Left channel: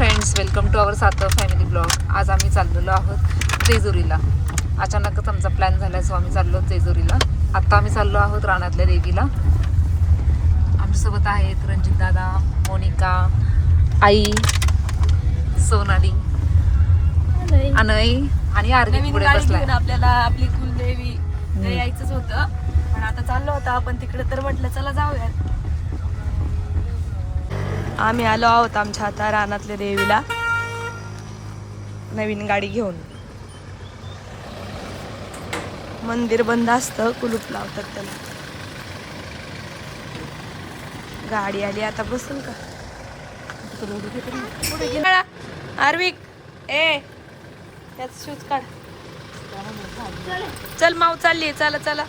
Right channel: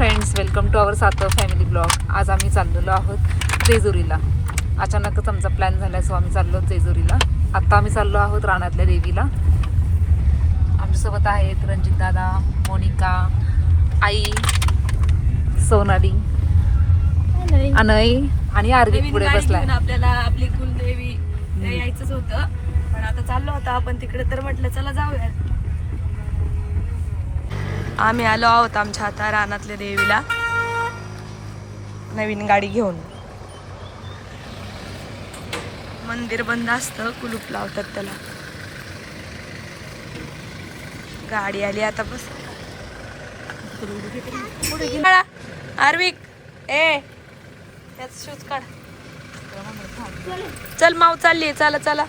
Friends welcome to our Satav family blog आज आम्ही चाललेलो आहोत जेजुरीला. अचानकच आमचा प्लॅन झाला सो आम्ही चाललो जेजुरीला. आत्ता आम्ही चाललो आहोत रानातल्या देवीला. आमच्यासोबत आहेत रणजित दादा मोनिका आई सोनाली अनय आणि आरवी पुढे बसलाय. आपल्याला आपली कुलदेवी यायचंच होतं. पण आता चाललो होतो आपण तिकडे तर म्हटलं चला जाऊयात. आम्ही आलो आहोत आमच्या आता रानातल्या देवीला. नवीन गाडी घेऊन. मंदिर बंद असतं कुलूप लावतात त्याला. गाडी आली आता बसून. आर्विक ए त्यात शूज काढ. चल माव चालली चला चला.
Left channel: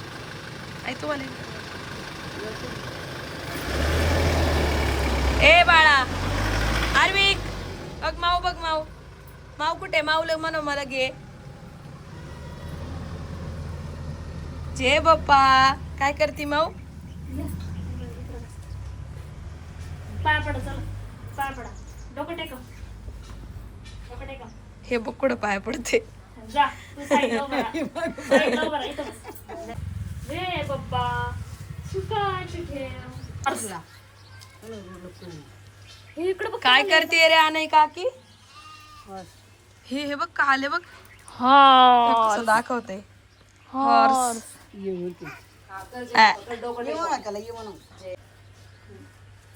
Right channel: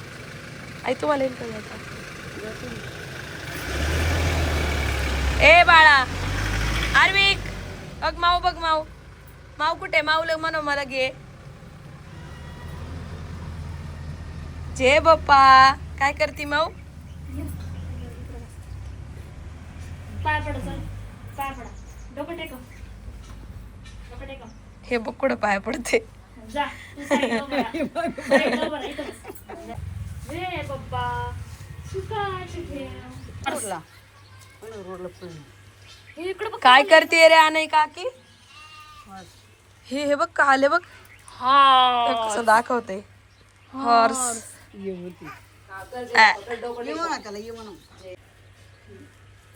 आई तुम्हाला येईल का यायचं? ए बाळा. आर्विक बघ माव बघ माव माव कुठे? माऊला म्हणो मला घे. जे बाप्पा काय करती माऊ? पाय पडा चला. पाय पडा डोकं टेका डोकं टेका हे बघ कुठं पाय पडते जा. काय करते रे अनय काकी? हे हे बघ का आले बघ. हे. हा कसं दाखवते हॉर्स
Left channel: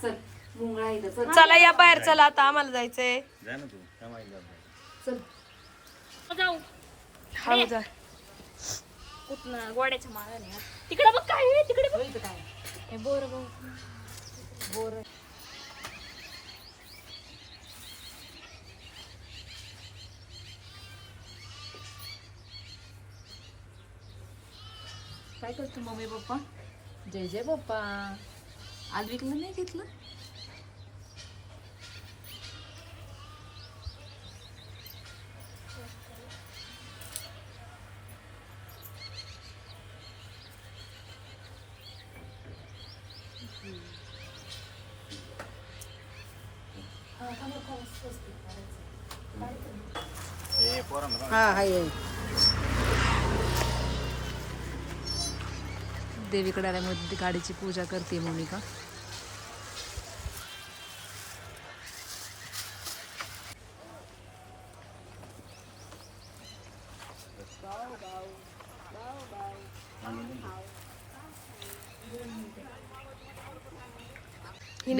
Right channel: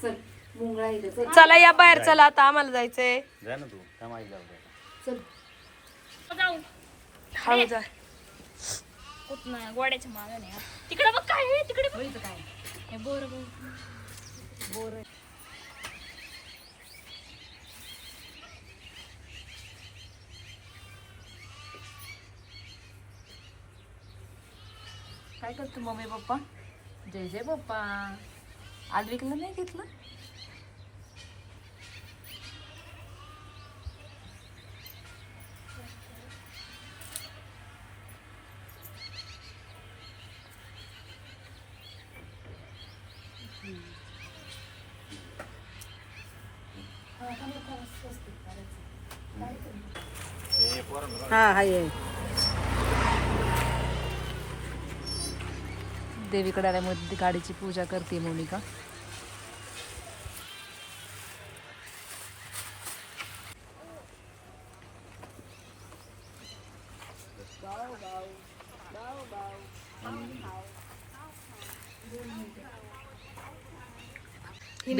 चल मुंगळा इथे चल चला या बाहेर चला आता आम्हाला जायचंय. हळू जा. गोड्याच्या तिकडे बघ काय आहे, तिकडे बघ. हे बोर काय करतो मम्मी पप्पा? जय जय पप्पा. आलविकला नाही घेतलं? देवीकडे आल्यामुळे गाडीची पूजा करते मोनिका.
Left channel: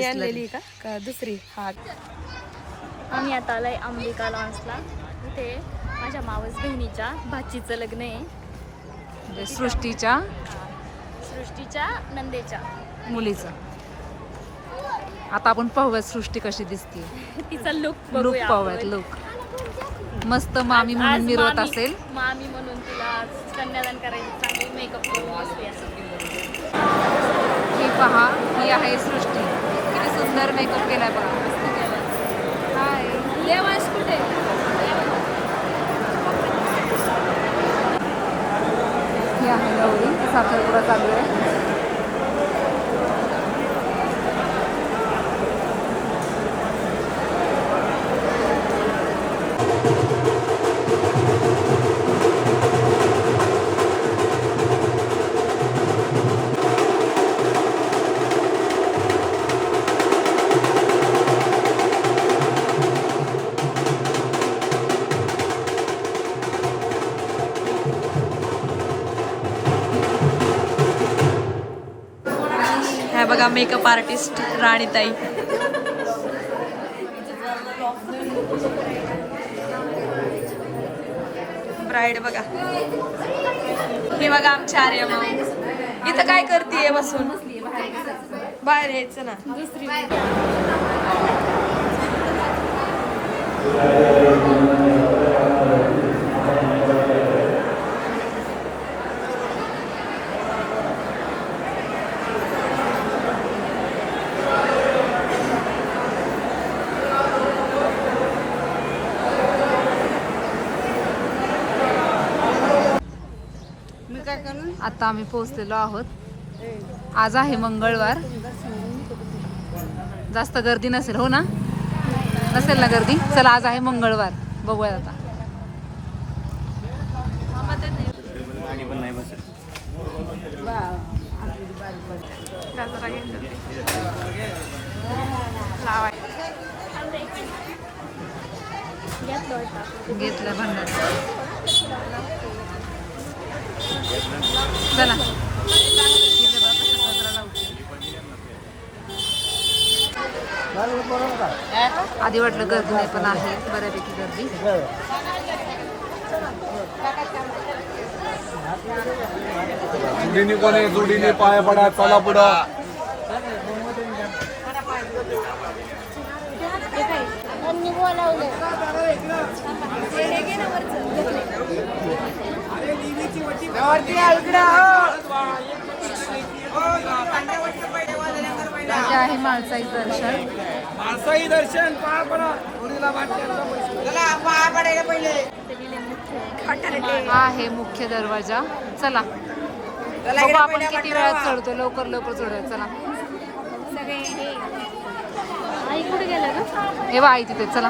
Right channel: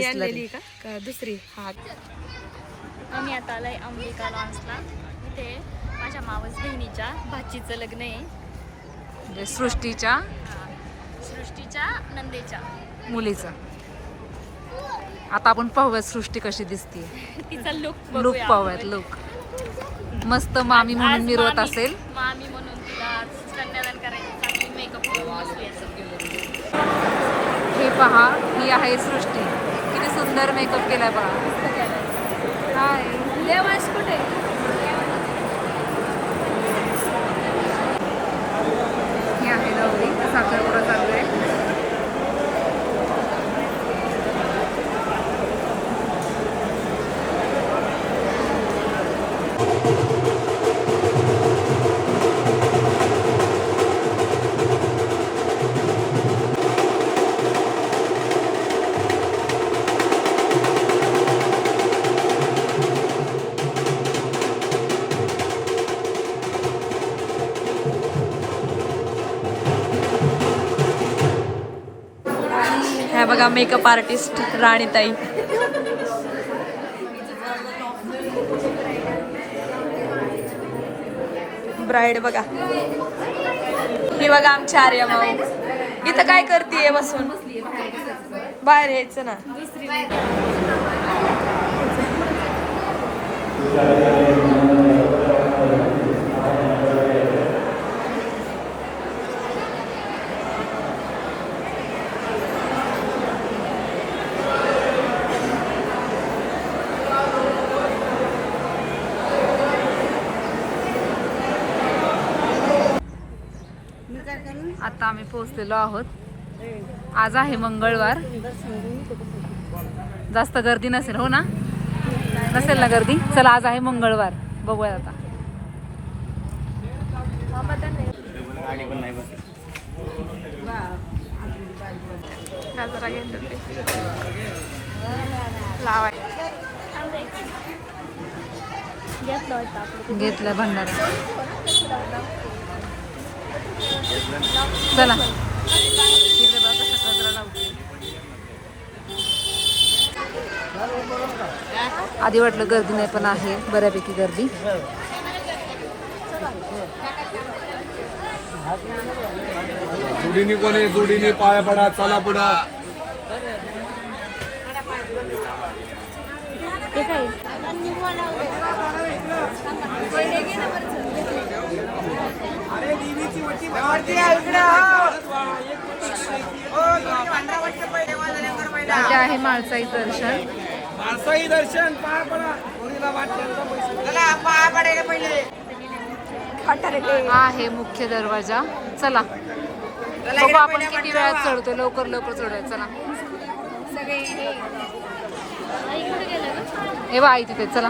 आणलेली का दुसरी? हा. आम्ही आता आलाय अंबिका लॉन्सला इथे माझ्या मावस बहिणीच्या भाचीचं लग्न आहे. म्हणजे सृष्टीच्या सृष्टीच्या नंदेच्या. मुलीचं. आता आपण पाहूयात सृष्टी कशी दिसते. तिचा लुक लुक पाहूयात लुक मस्त मामी म्हणून मिरवत असेल. ही पहा ही आहे सृष्टी. किती सुंदर मेकअप केलाय बघा. हाय देवास कुठे? ही आहे गौरी. साखरपुडा चालू आहे. बघा मेकअप आर्टिस्ट राणीताई. ब्राईड बघा. हे बघा आमची आर्या माऊ. इथं काय करते बसून? बाहेर यायचं ना. आता आम्ही पोहोचलेलो आहोत. आज आहे मंगळवार. जास्त गर्दी नसेल हो ना? नसेल ना गर्दी? चला आज आहे मंगळवार. बघूया आता. घेतलं भंडारा. चला. आधी वाटलं गर्दी नाही पण आहे बऱ्यापैकी गर्दी. जुडीने कोणी जुडीने पाया पडा चला पुढं. आहे माळसाई दर्शन. माणसाई दर्शन पाया पडा. हा आहे मुख्य दरवाजा. चला. बघू आपण किती वेळात चढतो लवकर लवकर चढूया चला. हे बा आई तिथे. चला.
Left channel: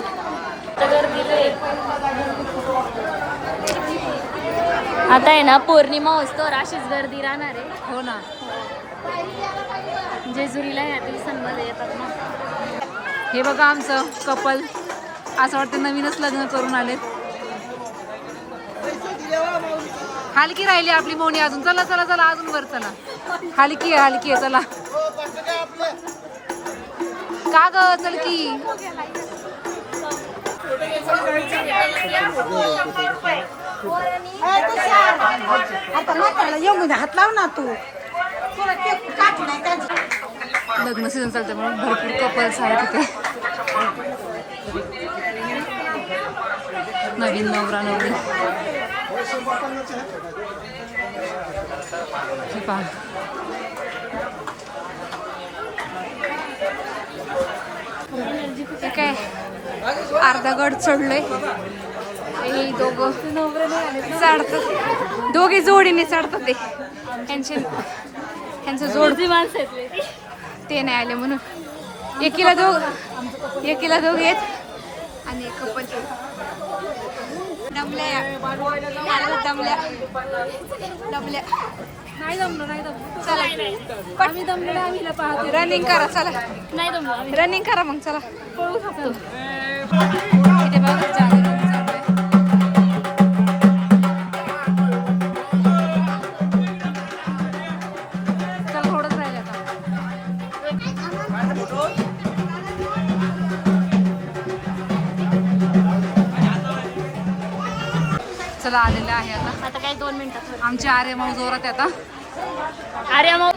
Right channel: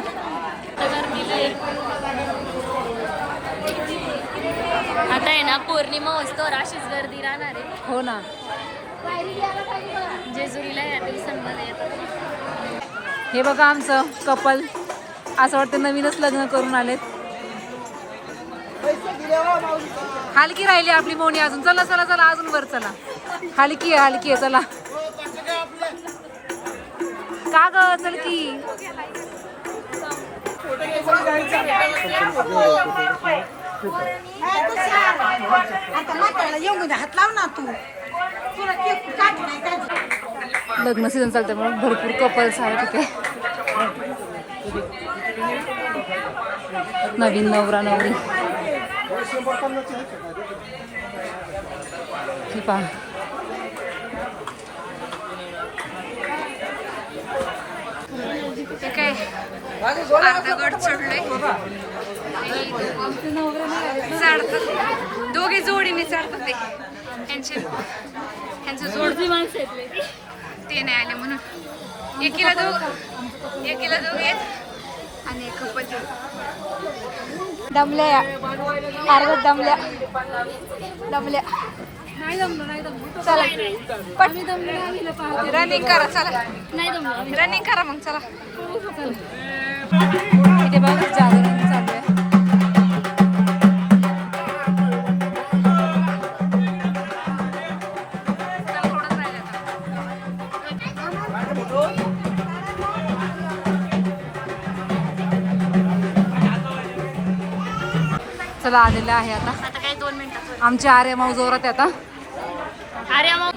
आता आहे ना पौर्णिमा असतो अशीच गर्दी राहणार आहे. हो ना. जेजुरीला येतात. हे बघा आमचं कपल. असं वाटतं नवीनच लग्न करून आलेत. हलकी राहिली आपली मोनी अजून. चला चला चला अजून वर चला. हलकी आहे हलकी आहे चला. का ग चल की? हात लाव ना तू लग्न सीझन चालतं म्हणून भरपूर कपल्स आहेत तिथे. नवीन नवरा नवरी. हे पहा. ते काय? अर्धा गड चढलंय. चढतात दोघे जोडीने चढतात ते त्यांचे त्यांचं जोड गर्दी माणसं आहेत. ते नाही आले म्हणून. एकीला दोघ एकीला दोघ आणि एक कपल दमल्या. या अर्ध्यात दमल्या. दमल्या. नाही दमलो नाही दमलो. चला. आम्ही दमलो आम्ही पाहतो रनिंग करा चला. नाही दमलो रनिंग करा मग चला. पळू शकतो इथे बघा चला आलेलं आहे आता. आता काय दोन मिनिटात आमचे आर्य माऊ जोरात आहे आता. अरे मग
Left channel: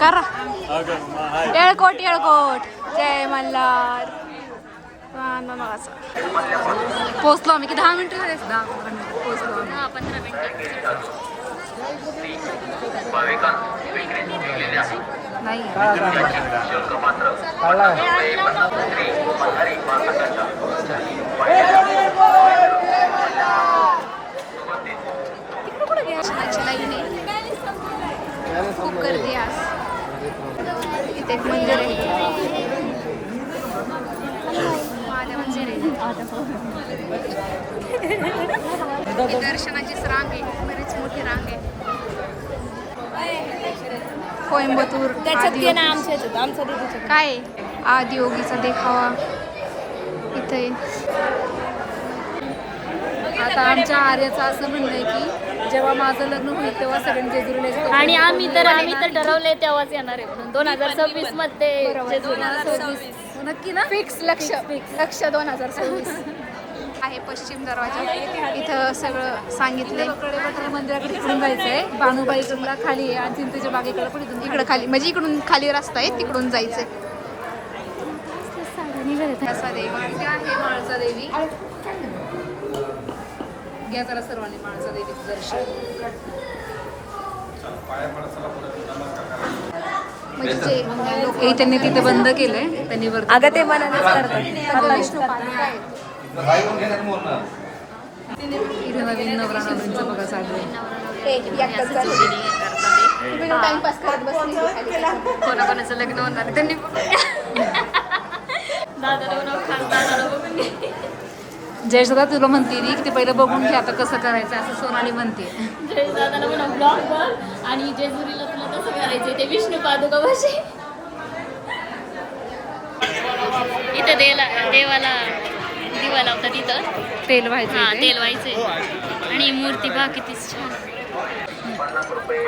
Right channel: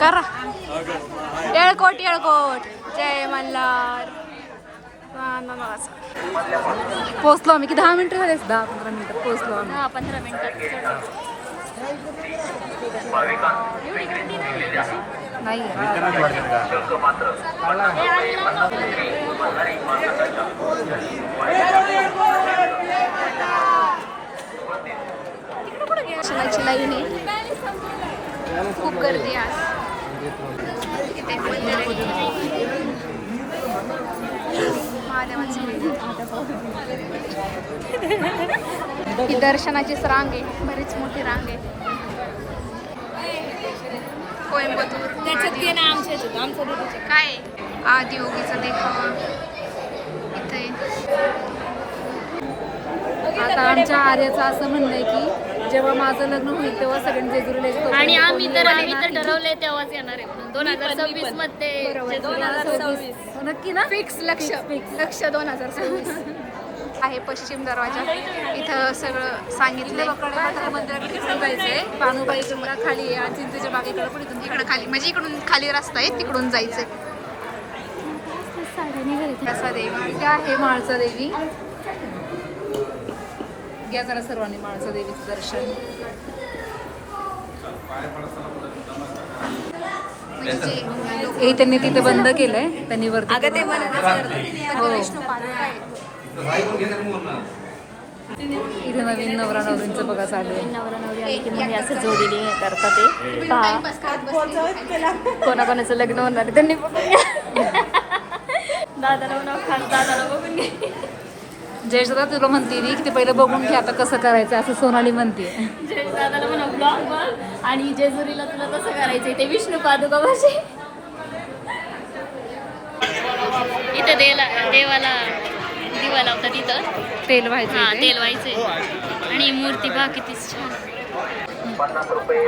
करा. येळकोट येळकोट. जय मल्हार. पोचलो आम्ही. की दहा मिनिटं झाले दहा पंधरा मिनिटात पोचलो आम्ही. नाही दर्शनाची लाईन आहे. खूप गर्दी आहे आज. इथे एक मंदिर आहे. महादेवांचं मंदिर. दर्शनाचीच रांग आहे. बरीच मोठी रांग आहे. कोइंबतूर त्याच्यात घे ना आमच्या ह्याच्यात, आमच्या दिदीच्या. काय? आदियोगीचा देखावा इथे आता आमच्या आर्याचं असं म्हणणं आहे की जेव्हा माझं लग्न होईल तेव्हा सगळ्यांनी जेजुरीला यायचं. तोपर्यंत आणि आम्ही तर आम्ही तर. ठरवलंय तेव्हाच येणार आहे दोन हजार सव्वीसमध्ये बरोबर. दोन हजार सव्वीस हो, नक्की ना फिक्स लक्ष लक्ष दोन हजार सव्वीस आहे पश्चिम दरवाजा. इथं सगळं सांगितलं आहे, इकडं खाली म्हणजे इकडून खाली रस्ता आहे तिकडून जायचंय. कसा देवी. आहे, या जरा सर्वांनी देवीचं दर्शन. म्हणजे त्यांनी तिथे बंद केलंय त्यांनी वरती अगं ते मला विष्णू पादुका आहेत इथे नवीन नवरा नवरींचं बघा चालू आहे. कोणाकोणाचं लग्न होणार त्यांनी. जयसुद्धा तुला म्हणते ती की ते पहिलं बघून घे आता कसं करायचं असं सोनाली म्हणते. जय दादाला म्हणा ब्लॉग बघ आणि जेजुरीला तुला कसं करायचंय ते विष्णू पादुका भाषे इथं देला देवाला दिवा लावतात इथं तेल व्हायचं हा. तेल व्हायचंय. आणि मूर्ती बा कितीच छान.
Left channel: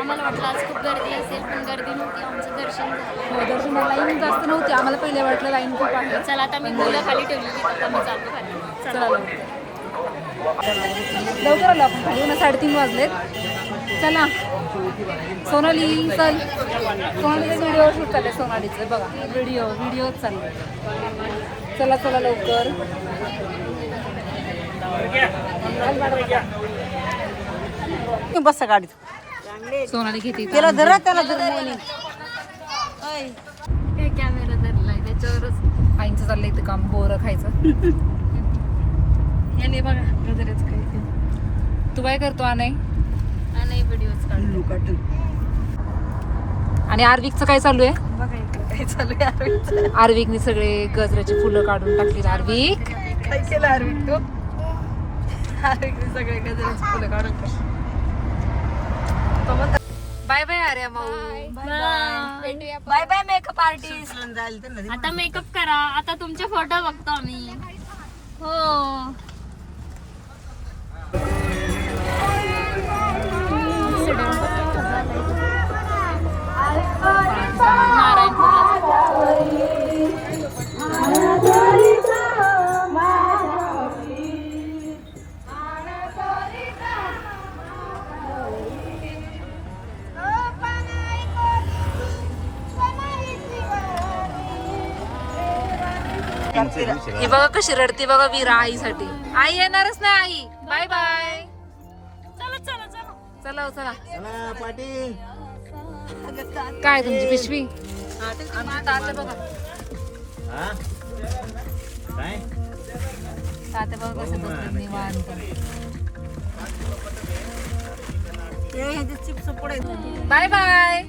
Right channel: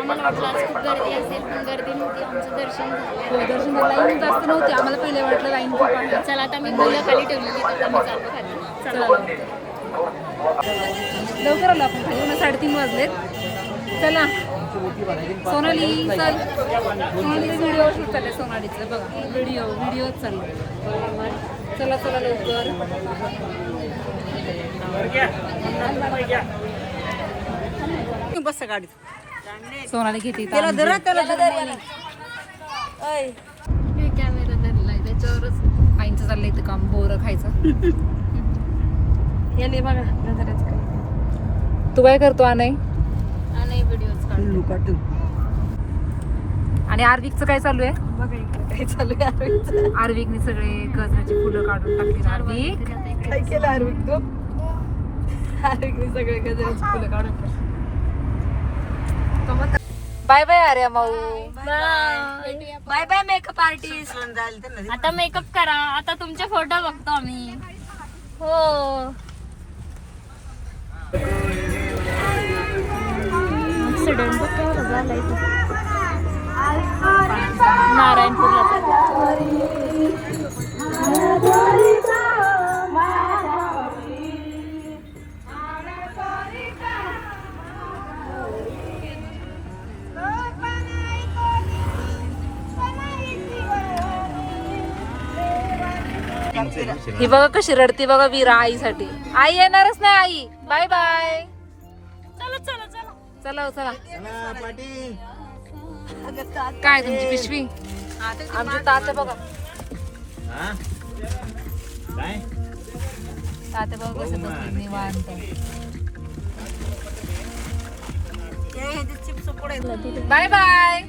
आम्हाला वाटलं आज खूप गर्दी असेल पण गर्दी नव्हती. आमचं दर्शन झालं. हो दर्शन लाईन जास्त नव्हती. आम्हाला पहिले वाटलं लाईन खूप आहे. चला आता मी मुलं खाली ठेवलेली आता मी चाललो खाली. चला. लवकर. लवकर आलो आपण खाली. पुन्हा साडेतीन वाजलेत. चला. सोनाली चल. सोनालीचं व्हिडिओ शूट चाललंय सोनालीचं. बघा. व्हिडिओ व्हिडिओच चाललाय चला चला लवकर. बस गाडीत. सोनाली घेते त्याला. धरा त्याला धरा. मोनी. कॅमेरा धरलाय त्याच्यावरच. आईंचं चाललंय इथं काम बोरं खायचं. याने बघा नजरच काय तू. काय करतो आणि आणि व्हिडिओज काढतो. आणि आर्विकचं काय चालू आहे? बघा इकडे काय चालू आहे. आर्विकने सगळे गजराची फुलं काढून टाकली आर्विक काय केलं आर्विक तू? आर्विकने सगळे गजराची फुलं काढून टाकली. बाय बाय आर्या माऊ बाय. By makeup artist. आता मेकअप करा. आता तुमचे फोटो बघतो आम्ही. हो. ही बघा कशी रडती बघा वीरा आईसाठी. आई येणारच नाही आई. बाय बाय चला चला चला. चला हो, चला. काय तुमची पिशवी? आमची तात्या बघा. तात्या बघा कसं बसले निवांत. Bye bye